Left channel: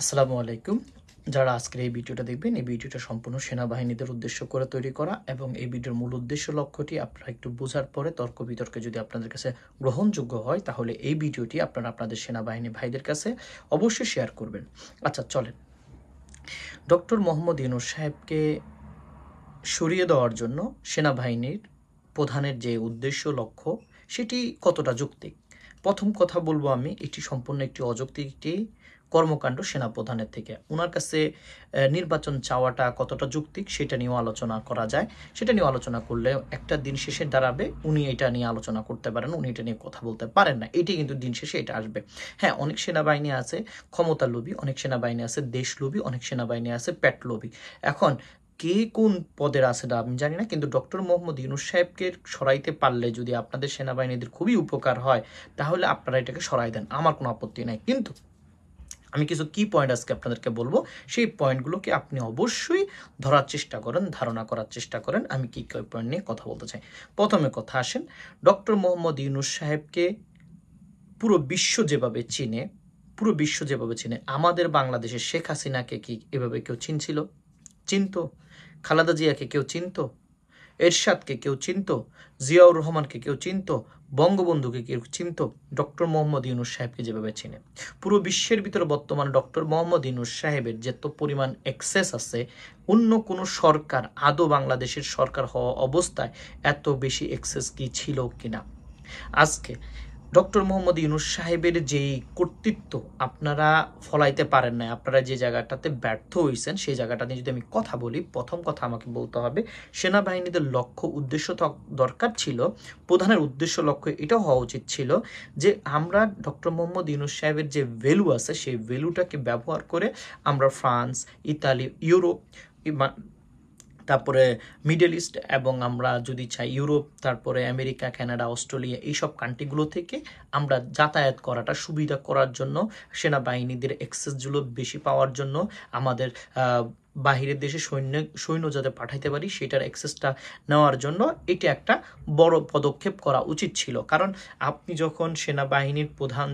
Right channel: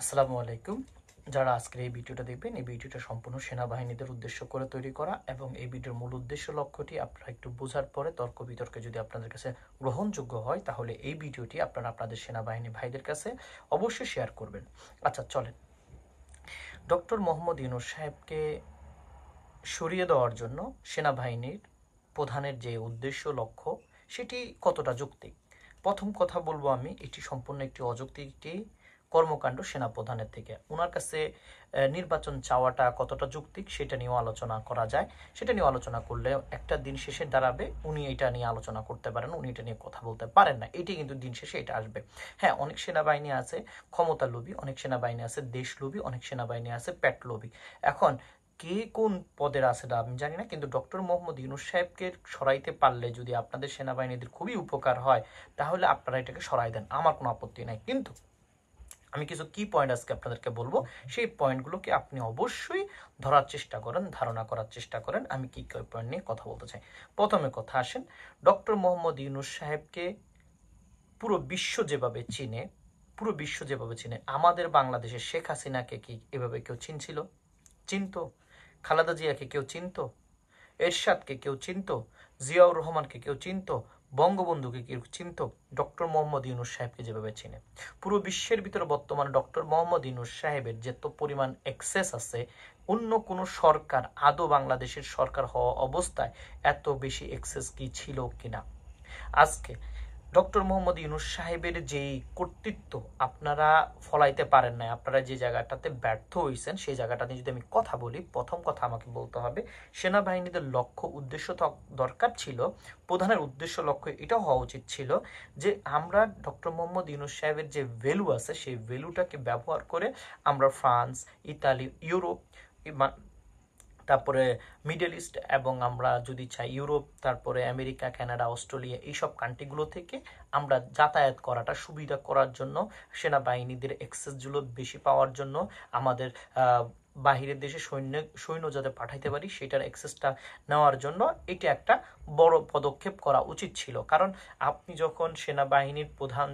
আসসালামু আলাইকুম। যারা আজকের এই ভিডিওটা দেখবেন, এই ভিডিওটা সম্পূর্ণ সেনাবাহিনীদের উদ্দেশ্য করে তৈরি করা এবং এই ভিডিওর মূল উদ্দেশ্য লক্ষ্যটি আপনারা একটু বোঝার পরে তর্ক বিতর্কে যদি আপনাদের কাছে গ্রহণযোগ্য হয়, তাহলে এই ভিডিওটি আপনারা আপনাদের সেনাবাহিনী ভাইদের কাছে অবশ্যই শেয়ার করবেন। আচ্ছা চলেন, ডক্টর মোহাম্মদ ইউনূস সাহেবকে সরিয়ে দেওয়ার জন্য সেনাবাহিনীর প্রধানের যে উদ্দেশ্য লক্ষ্য সেটি কতটা যৌক্তিক। প্রথম কথা বলবো আমি, এটি সম্পূর্ণ একটি অযৌক্তিক একটি কর্মকাণ্ড সেনাপ্রধানের থেকে। ওনার কাছে নির্বাচন চাওয়াটা কতটা যৌক্তিক সেটা নিয়েও আলোচনা করা যায়। সেটা নিয়ে আলোচনা করলে একটা দিন শেষে দাঁড়াবে উনি এটা নিয়ে আলোচনা করতে পারেন, উনি এটা নিয়ে কথা বলতে পারেন না, এটি কিন্তু দিন শেষে এটা আসবে। হ্যাঁ, অনেক সেনাবাহিনী আছে ক্ষমতা লোভী, অনেক সেনাবাহিনী আছে দেশ লোভী, অনেক সেনাবাহিনী আছে পেট লোভী। এখন কে কোন পদের আছে না আমি জানি না, কিন্তু ডক্টর মোহাম্মদ ইউনূস সাহেবকে সরাইতে পারলে যদি আপনাদের সেনাবাহিনীদের খুবই উপকার হয়, তাহলে আপনারা এটাকে সরাই দেন, আমার কোনো আপত্তি নাই। কিন্তু আমি কিছু কি পয়েন্ট আজকে আপনাদেরকে বলবো, সেই পয়েন্টগুলোকে আপনি অবশ্যই ধরার চেষ্টা করেন, ধারণা করার চেষ্টা করেন আমি কি পয়েন্ট নিয়ে কথা বলতে চাই। প্রথমে কথা আসেন, ডক্টর মোহাম্মদ ইউনূস সাহেবকে পুরো বিশ্ব যেভাবে চিনে, আমাদের বাংলাদেশের শেখ হাসিনাকে কি এভাবে কেউ চিনছিল? চিনতো? খালেদা জিয়াকে কেউ চিনতো? এরশাদকে কেউ চিনতো? জিয়াউর রহমানকে কেউ চিনতো? বঙ্গবন্ধুকে কেউ চিনতো? ডক্টর মোহাম্মদ ইউনূস সাহেবকে যেভাবে চিনে। পুরো বিশ্বের ভিতরে বর্তমানে ডক্টর মোহাম্মদ ইউনূস সাহেবের যত পরিমাণ অ্যাক্সেস আছে, অন্য কোনো সরকার আদৌ বাংলাদেশের সরকার হওয়া অবস্থায় এত বেশি অ্যাক্সেস কি ছিল কিনা। আজকে ডক্টর মোহাম্মদ ইউনূস সাহেবের যেই কর্তৃত্ব আপনারা ফলাইতে পারেন না, আপনারা যে জায়গাটাতে ব্যর্থ হয়েছেন সেই জায়গাটা নিয়ে যদি আমি কথা বলি, প্রথম কথা আমাকে বলতে হবে সেনাবাহিনীদের লক্ষ্য উদ্দেশ্য দরকার ছিল, প্রধানের উদ্দেশ্য লক্ষ্য এটাও হওয়া উচিত ছিল যে আমরা ডক্টর মোহাম্মদ ইউনূস সাহেবের যে ভ্যালু আছে সেই ভ্যালুটাকে ব্যবহার করে আমরা ফ্রান্স, ইতালি, ইউরোপ, তারপরে মিডল ইস্ট এবং আমরা যদি চাই ইউরোপ, তারপরে আমেরিকা, কানাডা, অস্ট্রেলিয়া, এইসব কান্ট্রিগুলো থেকে আমরা যাতায়াত করাটা সুবিধা করার জন্য, সেনাবাহিনীদের অ্যাক্সেসগুলো বেশি পাওয়ার জন্য, আমাদের বাহিরের দেশে সৈন্য যাতে পাঠাইতে পারি সেটার অ্যাক্সেসটা নেওয়ার জন্য এটা একটা বড় পদক্ষেপ করা উচিত ছিল। কারণ আপনি যখন সেনাবাহিনীর প্রধান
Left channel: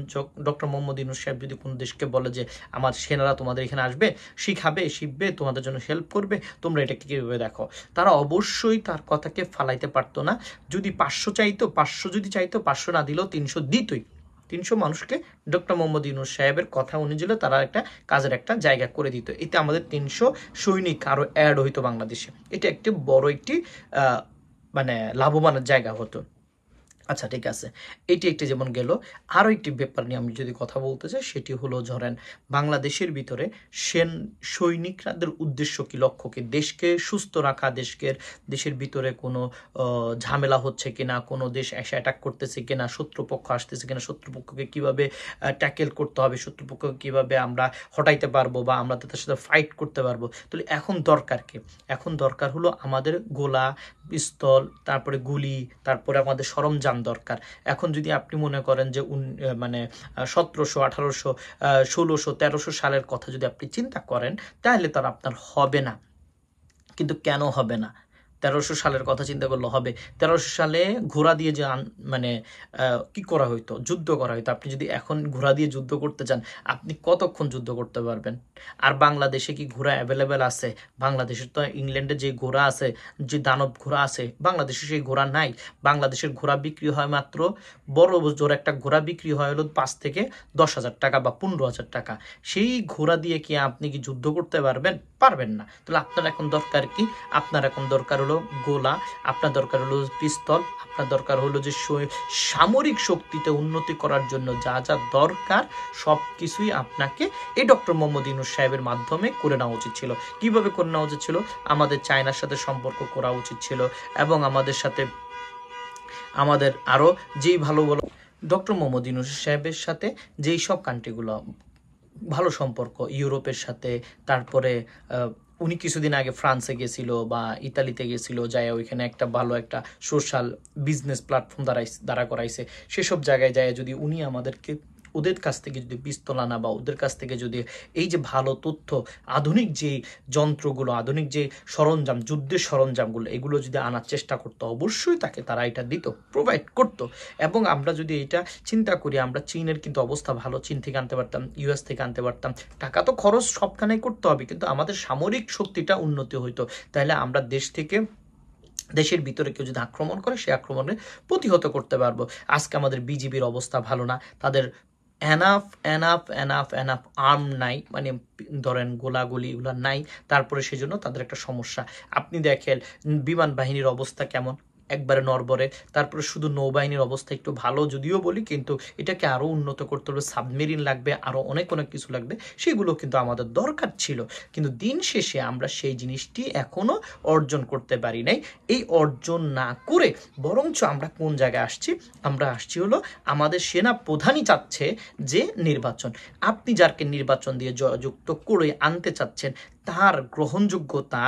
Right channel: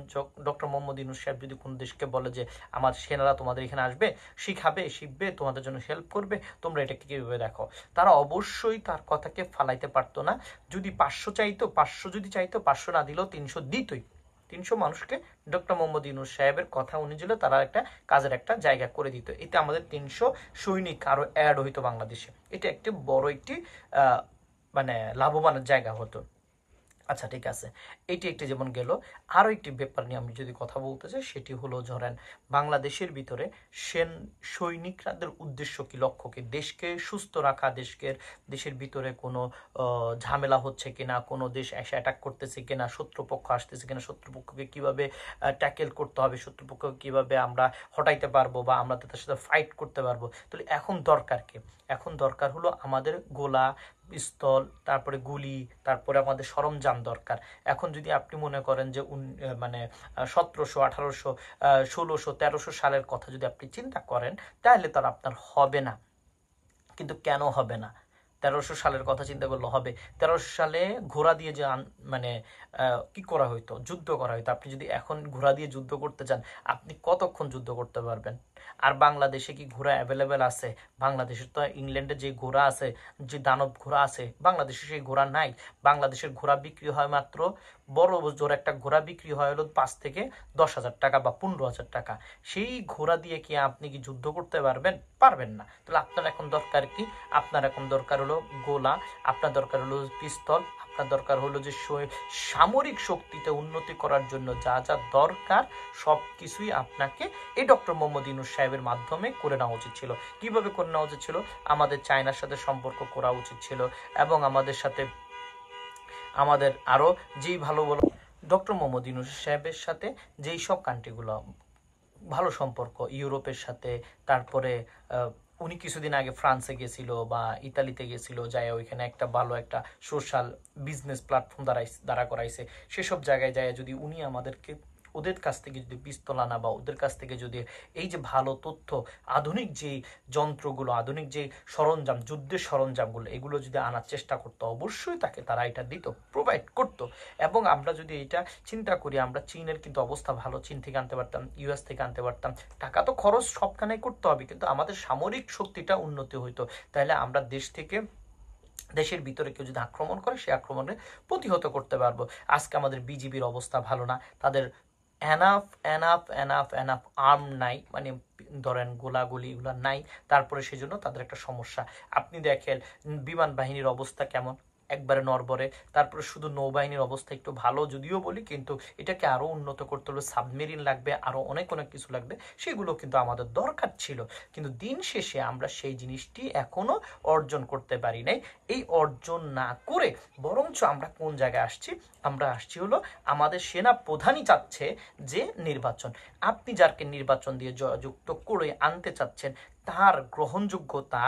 ডক্টর মোহাম্মদ ইউনূস সাহেব যদি কোনো দেশকে বলে যে আমার সেনারা তোমাদের এখানে আসবে, শিখবে, তোমাদের জন্য হেল্প করবে, তোমরা এটাকে কীভাবে দেখো, তারা অবশ্যই তার কথাকে ফালাইতে পারতো না। যদি 500 চাইতো, 500 যদি চাইতো, 500 না দিলেও 300 দিতই। 300 মানুষকে ডক্টর মোহাম্মদ ইউনূস সাহেবের কথা অনুযায়ী তারা একটা কাজের একটা জায়গা করে দিত, এতে আমাদের 300 সৈনিক আরও অ্যাড হইতো বাংলাদেশে। এটা একটি বড় একটি মানে লাভবানের জায়গা হতো। আচ্ছা ঠিক আছে, এইটি একটি যেমন গেল। আরও একটি ব্যাপার নিয়ে আমি যদি কথা বলতে চাই, সেটি হলো ধরেন বাংলাদেশের ভিতরে সৈনিকদের উদ্দেশ্য কি, লক্ষ্য কি, দেশকে সুস্থ রাখা, দেশের ভিতরে কোনো ঝামেলা হচ্ছে কিনা, কোনো দেশ এসে অ্যাটাক করতেছে কিনা, শত্রুপক্ষ আসতেছে কিনা, শত্রুপক্ষকে কীভাবে ট্যাকেল করতে হবে, শত্রুপক্ষকে কীভাবে আমরা হটাইতে পারবো বা আমরা তাদের সাথে ফাইট করতে পারবো। তাহলে এখন দরকার কি? এখন দরকার হলো আমাদের গোলা, পিস্তল, তারপরে গুলি, তারপরে আমাদের সরঞ্জাম দরকার। এখন যদি আপনি মনে করেন যে মানে 1700, 1800, 1600, 1300 সালের কথা যদি আপনি চিন্তা করেন, তাহলে তার আপনার হবে না। কিন্তু কেন হবে না? 1300 সালের কথা চিন্তা করলে হবে। 1300 সালে ঘোড়া দিয়ে যে মানে কি করা হইতো, যুদ্ধ করা হইতো। আপনি যদি এখন ঘোড়া দিয়ে যুদ্ধ করতে চান, আপনি কতক্ষণ যুদ্ধ করতে পারবেন? আর বাংলাদেশে কি ঘোড়া অ্যাভেলেবেল আছে? বাংলাদেশের তো ইংল্যান্ডে যে ঘোড়া আছে, যে দানব ঘোড়া আছে, বাংলাদেশে সেই ঘোড়া নাই। বাংলাদেশের ঘোড়া বিক্রি হয় মাত্র, বড় জোর একটা ঘোড়া বিক্রি হয় হলো 5 থেকে 10,000 টাকা বা 15,000 টাকা। সেই ঘোড়া দিয়ে কি আপনি কি যুদ্ধ করতে পারবেন? পারবেন না। তাহলে আপনার এখন দরকার কি? আপনার এখন দরকার হলো গোলা, আপনার দরকার হলো পিস্তল, আপনার দরকার হলো যে সামরিক শক্তিতে উন্নতি করার জন্য যা যা দরকার সব কিছুই আপনাকে এই ডক্টর মোহাম্মদ ইউনূস সাহেবের মাধ্যমে করে নেওয়া উচিত ছিল। কিভাবে করে নেওয়া উচিত ছিল? আমাদের চায়নার সাথে সম্পর্ক করা উচিত ছিল এবং আমাদের সাথে আমাদের আরও যেই ভালো ভালো ডক্টর মোহাম্মদ ইউনূস সাহেবের সাথে যেই সব কান্ট্রিগুলো ভালো সম্পর্ক, ইউরোপের সাথে, তারপরে উনি কিছুদিন আগে ফ্রান্সে গেছিল বা ইতালিতে গেছিল, যায় ওইখানে একটা ভালো একটা সোশ্যাল বিজনেস প্ল্যাটফর্ম দাঁড়া করাইছে। সেসব জায়গায় যায় যদি উনি আমাদেরকে ওদের কাছ থেকে যদি পিস্তল আনা বা ওদের কাছ থেকে যদি এই যে ভালো তথ্য, আধুনিক যে যন্ত্রগুলো, আধুনিক যে সরঞ্জাম, যুদ্ধের সরঞ্জামগুলো, এগুলো যদি আনার চেষ্টা করতো, অবশ্যই তাকে তারা এটা দিত, প্রোভাইড করতো। এবং আমরা যদি এটা চিন্তা করি, আমরা চীনের কিন্তু অবস্থা ভালো, চীন থেকে আনতে পারতাম, ইউএস থেকে আনতে পারতাম, টাকা তো খরচ সবখানেই করতে হবে, কিন্তু আমাদের সামরিক শক্তিটা উন্নতি হইতো। তাহলে আমরা দেশের ভিতরে কেউ যদি আক্রমণ করে, সে আক্রমণে প্রতিহত করতে পারবো। আজকে আমাদের বিজিবির অবস্থা ভালো না, তাদের enough enough enough enough arm নাই, মানে ধরেন গোলাগুলি এগুলো নাই, তারপরে সেজন্য তাদের একটা সমস্যা। আপনি দেখেন বিমান বাহিনীর অবস্থা কেমন, একবারে নড়বড়ে। তারপরে শুধু নৌবাহিনীর অবস্থা একটু ভালো যদিও বলি, কিন্তু এটাকে আরও উন্নত করতে হবে, সাবমেরিন লাগবে, আরও অনেক অনেক কিছু লাগবে, সেগুলো কিন্তু আমাদের দরকার ছিল। কিন্তু দিন শেষে আমরা সেই জিনিসটি এখনও অর্জন করতে পারি নাই। এই অর্জন না করে বরঞ্চ আমরা কোন জায়গায় আসছি, আমরা আসছি হলো আমাদের সেনা প্রধানই চাচ্ছে যে নির্বাচন, আপনি যাকে নির্বাচন দিয়ে জয়যুক্ত করে আনতে চাচ্ছেন তার গ্রহণযোগ্যতা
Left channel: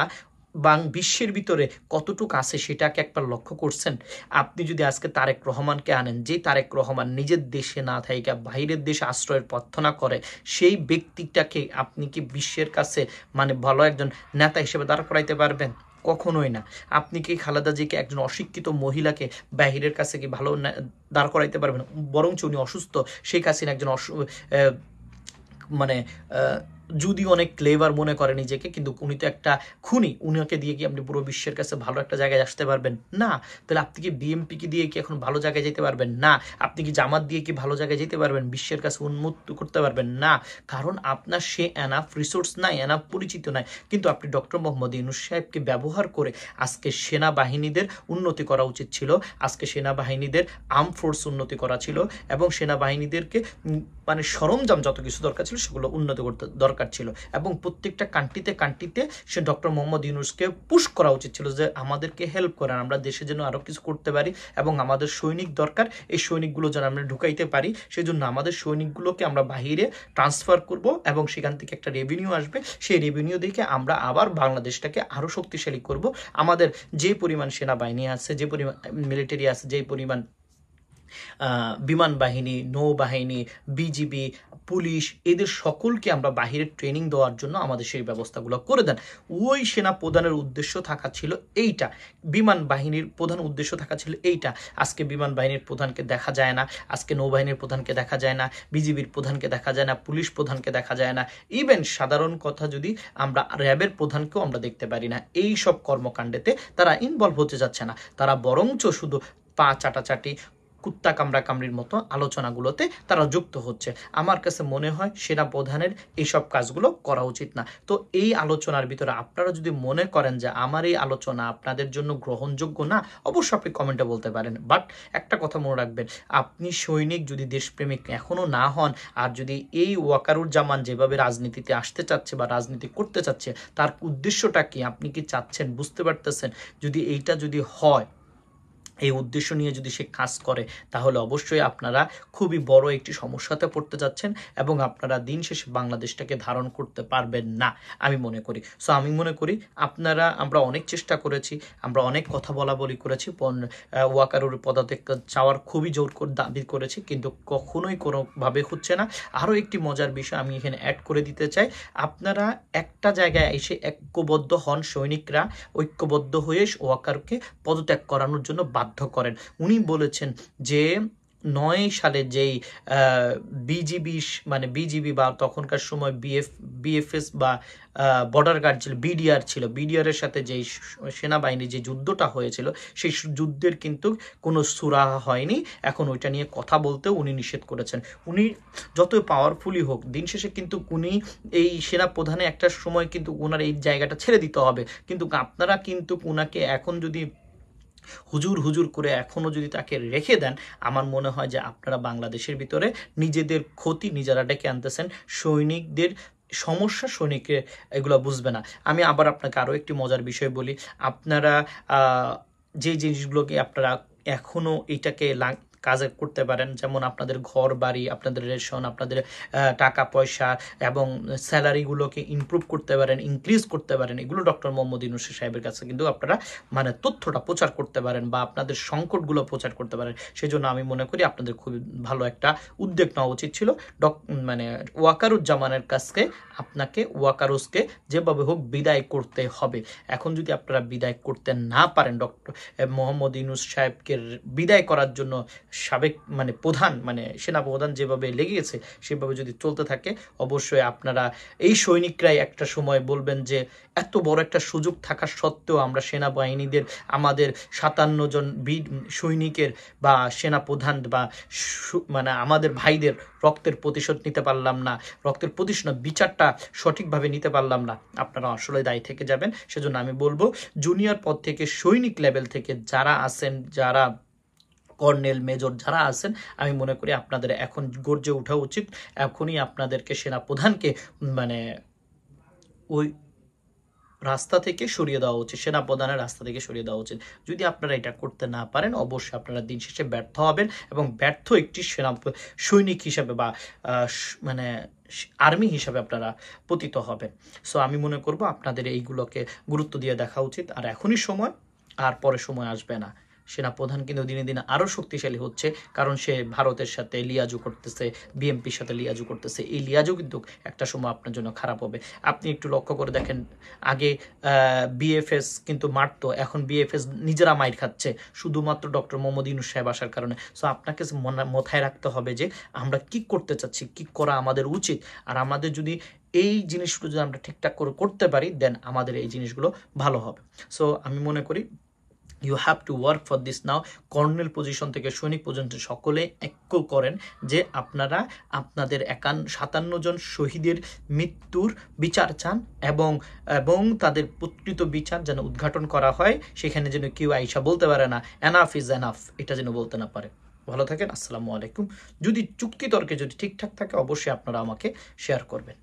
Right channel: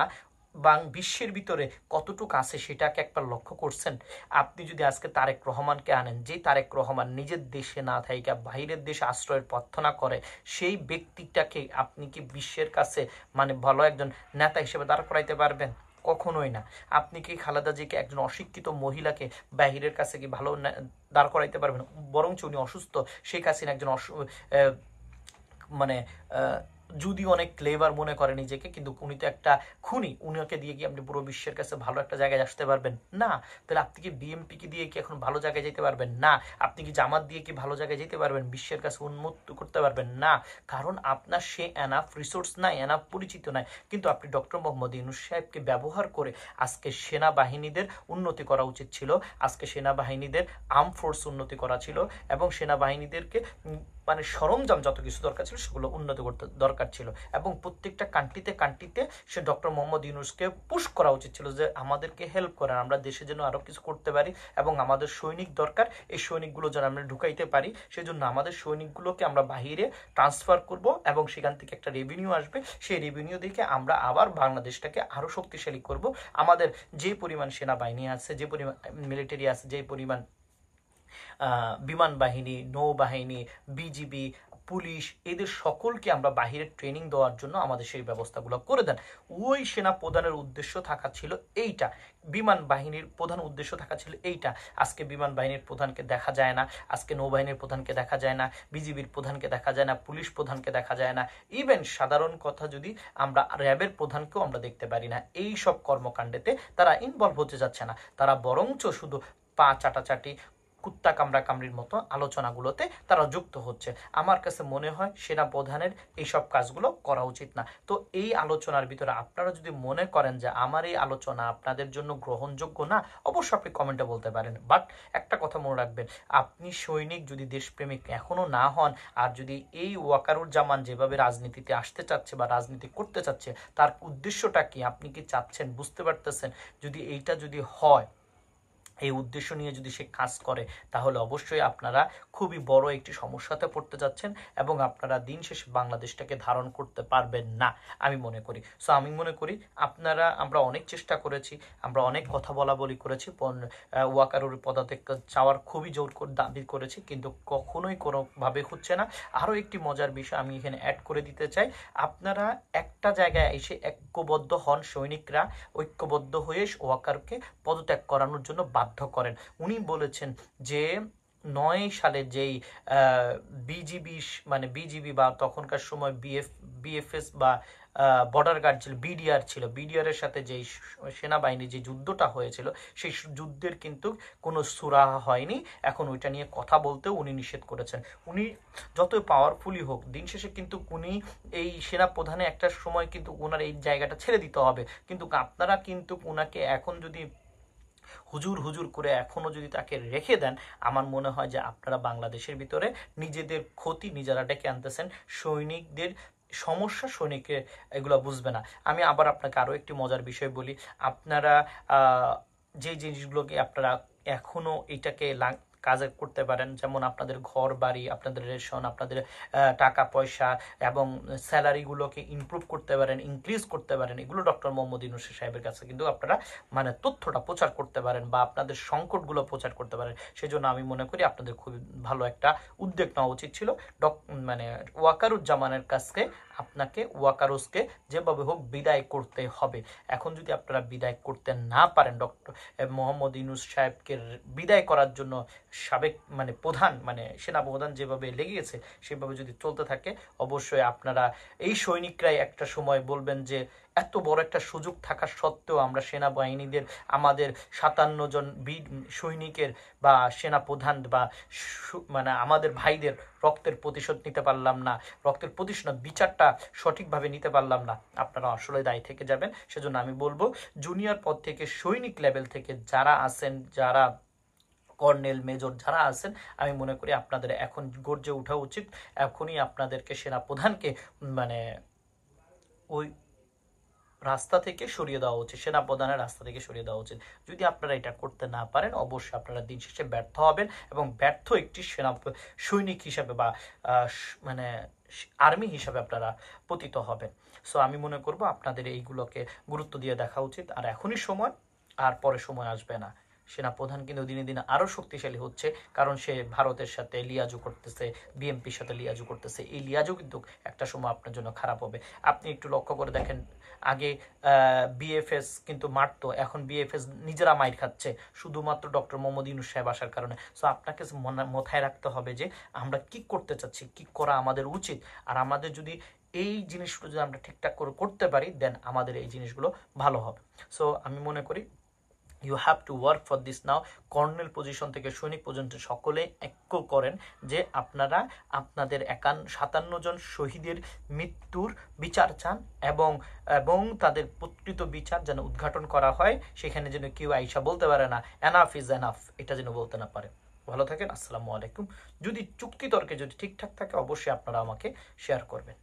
বিশ্বের ভিতরে কতটুকু আছে সেটাকে একবার লক্ষ্য করছেন? আপনি যদি আজকে তারেক রহমানকে আনেন, যে তারেক রহমান নিজের দেশে না থাইকা বাইরের দেশে আশ্রয়ের প্রার্থনা করে, সেই ব্যক্তিটাকে আপনি কি বিশ্বের কাছে মানে ভালো একজন নেতা হিসেবে দাঁড় করাইতে পারবেন? কখনোই না। আপনি কি খালেদা জিকে, একজন অশিক্ষিত মহিলাকে, বাহিরের কাছে কি ভালো দাঁড় করাইতে পারবেন? বরঞ্চ উনি অসুস্থ, শেখ হাসিনা একজন মানে যদি অনেক ক্লেভার মনে করে নিজেকে, কিন্তু উনি তো একটা খুনি, উনাকে দিয়ে কি আপনি পুরো বিশ্বের কাছে ভালো একটা জায়গায় আসতে পারবেন? না। তাহলে আপনি কি বিএমপিকে দিয়ে কি এখন ভালো জায়গায় যেতে পারবেন? না। আপনি কি জামাত দিয়ে কি ভালো জায়গায় যেতে পারবেন, বিশ্বের কাছে উন্মুক্ত করতে পারবেন? না, কারণ আপনার সে এনাফ রিসোর্স নাই, এনাফ পরিচিত নাই। কিন্তু আপনি ডক্টর মোহাম্মদ ইউনূস সাহেবকে ব্যবহার করে আজকে সেনাবাহিনীদের উন্নতি করা উচিত ছিল, আজকে সেনাবাহিনীদের আর্ম ফোর্স উন্নতি করা ছিল, এবং সেনাবাহিনীদেরকে মানে সরঞ্জাম যত কিছু দরকার ছিল সেগুলো উন্নত করতে দরকার ছিল, এবং প্রত্যেকটা কান্ট্রিতে সে ডক্টর মোহাম্মদ ইউনূসকে পুশ করা উচিত ছিল যে আমাদেরকে হেল্প করেন, আমরা দেশে যেন আরও কিছু করতে পারি, এবং আমাদের সৈনিক দরকার, এই সৈনিকগুলো যেন আমরা ঢুকাইতে পারি, সেজন্য আমাদের সৈনিকগুলোকে আমরা বাহিরে ট্রান্সফার করব, এবং সেখান থেকে একটা রেভিনিউ আসবে, সেই রেভিনিউ দেখে আমরা আবার বাংলাদেশটাকে আরও শক্তিশালী করব। আমাদের যে পরিমাণ সেনাবাহিনী আছে, যে পরিমাণ মিলিটারি আছে, যে পরিমাণ বিমান বাহিনী, নৌবাহিনী, বিজিবি, পুলিশ, এদের সকলকে আমরা বাহিরে ট্রেনিং দেওয়ার জন্য আমাদের সেই ব্যবস্থাগুলো করে দেন। ওই সেনা প্রধানের উদ্দেশ্য থাকা ছিল এইটা, বিমান বাহিনীর প্রধান উদ্দেশ্য থাকা ছিল এইটা। আজকে বিমান বাহিনীর প্রধানকে দেখা যায় না, আজকে নৌবাহিনীর প্রধানকে দেখা যায় না, বিজিবির প্রধানকে দেখা যায় না, পুলিশ প্রধানকে দেখা যায় না, ইভেন সাধারণ কথা যদি আমরা র্যাবের প্রধানকেও আমরা দেখতে পারি না। এই সব কর্মকাণ্ডেতে তারা ইনভলভ হতে যাচ্ছে না, তারা বরঞ্চ শুধু পা চাটাচাটি, কুত্তা কামড়ির মতো আলোচনাগুলোতে তারা যুক্ত হচ্ছে। আমার কাছে মনে হয় সেনা প্রধানের এইসব কাজগুলো করা উচিত না। তো এই আলোচনার ভিতরে আপনারা যদি মনে করেন যে আমার এই আলোচনা আপনাদের জন্য গ্রহণযোগ্য না, অবশ্যই আপনি কমেন্টে বলতে পারেন। বাট একটা কথা মনে রাখবেন, আপনি সৈনিক যদি দেশপ্রেমিক এখনও না হন, আর যদি এই ওয়াকারুজ্জামান যেভাবে রাজনীতিতে আসতে চাচ্ছে বা রাজনীতি করতে চাচ্ছে, তার উদ্দেশ্যটা কি, আপনি কি চাচ্ছেন, বুঝতে পারতেছেন? যদি এইটা যদি হয়, এই উদ্দেশ্য নিয়ে যদি সে কাজ করে, তাহলে অবশ্যই আপনারা খুবই বড় একটি সমস্যাতে পড়তে যাচ্ছেন, এবং আপনারা দিন শেষে বাংলাদেশটাকে ধারণ করতে পারবেন না, আমি মনে করি। সো আমি মনে করি আমরা অনেক চেষ্টা করেছি, আমরা অনেক কথা বলি করেছি, ওয়াকারুর পদত্যাগ চাওয়ার খুবই জোর দাবি করেছি, কিন্তু কখনোই কোনোভাবে হচ্ছে না। আরও একটি মজার বিষয় আমি এখানে অ্যাড করে দিতে চাই, আপনারা একটা জায়গায় এসে ঐক্যবদ্ধ হন, সৈনিকরা ঐক্যবদ্ধ হয়ে ওয়াকারকে পদত্যাগ করানোর জন্য বাধ্য করেন। উনি বলেছেন যে 9 সালে যেই বিজিবি বা তখনকার সময় বিএফএস বা বর্ডার গার্ড ছিল, বিডিআরের সাথে যেই সেনাবাহিনী যে যুদ্ধটা হয়েছিল, সেই যুদ্ধের কিন্তু কোনো সুরাহা হয়নি। এখন ওইটা নিয়ে কথা বলতেও উনি নিষেধ করেছেন। উনি যতই পাওয়ারফুলই হোক, দিন শেষে কিন্তু উনি এই সেনা প্রধানে একটা সময় কিন্তু ওনার এই জায়গাটা ছেড়ে দিতে হবে। কিন্তু আপনারা কিন্তু ওনাকে এখন যদি হুজুর করে এখনও যদি তাকে রেখে দেন, আমার মনে হয় যে আপনারা বাংলাদেশের ভিতরে নিজেদের ক্ষতি নিজেরা ডেকে আনতেছেন। সৈনিকদের সমস্যা সৈনিককে এগুলো বুঝবে না। আমি আবার আপনাকে আরও একটি মজার বিষয় বলি, আপনারা যে জিনিসগুলোকে আপনারা এখনও এটাকে কাজে করতে পারেন, যেমন আপনাদের ঘর বাড়ি, আপনাদের রেশন, আপনাদের টাকা পয়সা এবং স্যালারিগুলোকে ইমপ্রুভ করতে পারেন, ইনক্রিজ করতে পারেন। এগুলো ডক্টর মোহাম্মদ ইউনূস সাহেবের কাছে কিন্তু আপনারা মানে তথ্যটা প্রচার করতে পারেন বা আপনাদের সংকটগুলো প্রচার করতে পারেন। সেই জন্য আমি মনে করি আপনাদের খুবই ভালো একটা উদ্যোগ নেওয়া উচিত ছিল। মানে ওয়াকারুজ্জামানের কাছে আপনাকে ওয়াকারুসকে যেভাবে হোক বিদায় করতে হবে। এখন যদি আপনারা বিদায় করতে না পারেন, ডক্টর মোহাম্মদ ইউনূস সাহেবকে বিদায় করার জন্য সাবেক মানে প্রধান মানে সেনাপ্রধান যেভাবে লেগে গেছে সেভাবে যদি চলতে থাকে, অবশ্যই আপনারা এই সৈনিকরাই একটা সময় বলবেন যে এত বড় একটা সুযোগ থাকা সত্ত্বেও আমরা সেনাবাহিনীদের আমাদের ৫৭ জন সৈনিকের বা সেনাপ্রধান বা মানে আমাদের ভাইদের রক্তের প্রতিশোধ নিতে পারলাম না, রক্তের প্রতিশোধ বিচারটা সঠিকভাবে নিতে পারলাম না। আপনারা আসলে দায়ী থেকে যাবেন। সেজন্য আমি বলবো জুনিয়র পদ থেকে সৈনিক লেভেল থেকে যারা আছেন, যারা কর্নেল মেজর যারা আছেন, আমি মনে করি আপনাদের এখন গর্জে ওঠা উচিত। এখনই আপনাদেরকে সেনাপ্রধানকে মানে ওই রাস্তা থেকে সরিয়ে দেওয়া উচিত, সেনাপ্রধানের রাস্তা থেকে সরিয়ে দেওয়া উচিত। যদি আপনারা এটা করতে না পারেন, অবশ্যই আপনারা দিন শেষে ব্যর্থ হবেন এবং ব্যর্থ একটি সৈনিক হিসাবে বা মানে আর্মি হিসাবে আপনারা পতিত হবেন। সো আমি মনে করব আপনাদের এইগুলোকে গুরুত্ব দিয়ে দেখা উচিত। আর এখনই সময়, আর পরে সময় আসবে না। সেনাপ্রধান কিন্তু দিনে দিনে আরও শক্তিশালী হচ্ছে, কারণ সে ভারতের সাথে লিয়াজু করতেছে, বিএমপির সাথে লিয়াজু করতেছে। এই লিয়াজু কিন্তু একটা সময় আপনার জন্য খারাপ হবে। আপনি একটু লক্ষ্য করে দেখেন, আগে বিএফএস কিন্তু মারতো, এখন বিএফএস নিজেরা মাইর খাচ্ছে শুধুমাত্র ডক্টর মোহাম্মদ ইউনূস সাহেব আসার কারণে। সো আপনাকে মাথায় রাখতে হবে যে আমরা কি করতে চাচ্ছি, কি করা আমাদের উচিত। আর আমাদের যদি এই জিনিসগুলো যদি আমরা ঠিকঠাক করে করতে পারি, দেন আমাদের এই জিনিসগুলো ভালো হবে। সো আমি মনে করি you have to work for this now. Colonel position থেকে সৈনিক পর্যন্ত সকলে ঐক্য করেন যে আপনারা আপনাদের ৫৭ জন শহীদের মৃত্যুর বিচার চান এবং তাদের প্রকৃত বিচার যেন উদ্ঘাটন করা হয়। সেখানে যেন কেউ আইসা বলতে পারে না এনাফ ইজ এনাফ, এটা যেন বলতে না পারে। ভালো থাকেন। আসসালামু আলাইকুম। যদি যুক্তিতর্কে যদি ঠিকঠাক থাকে, অবশ্যই আপনারা আমাকে শেয়ার করবেন।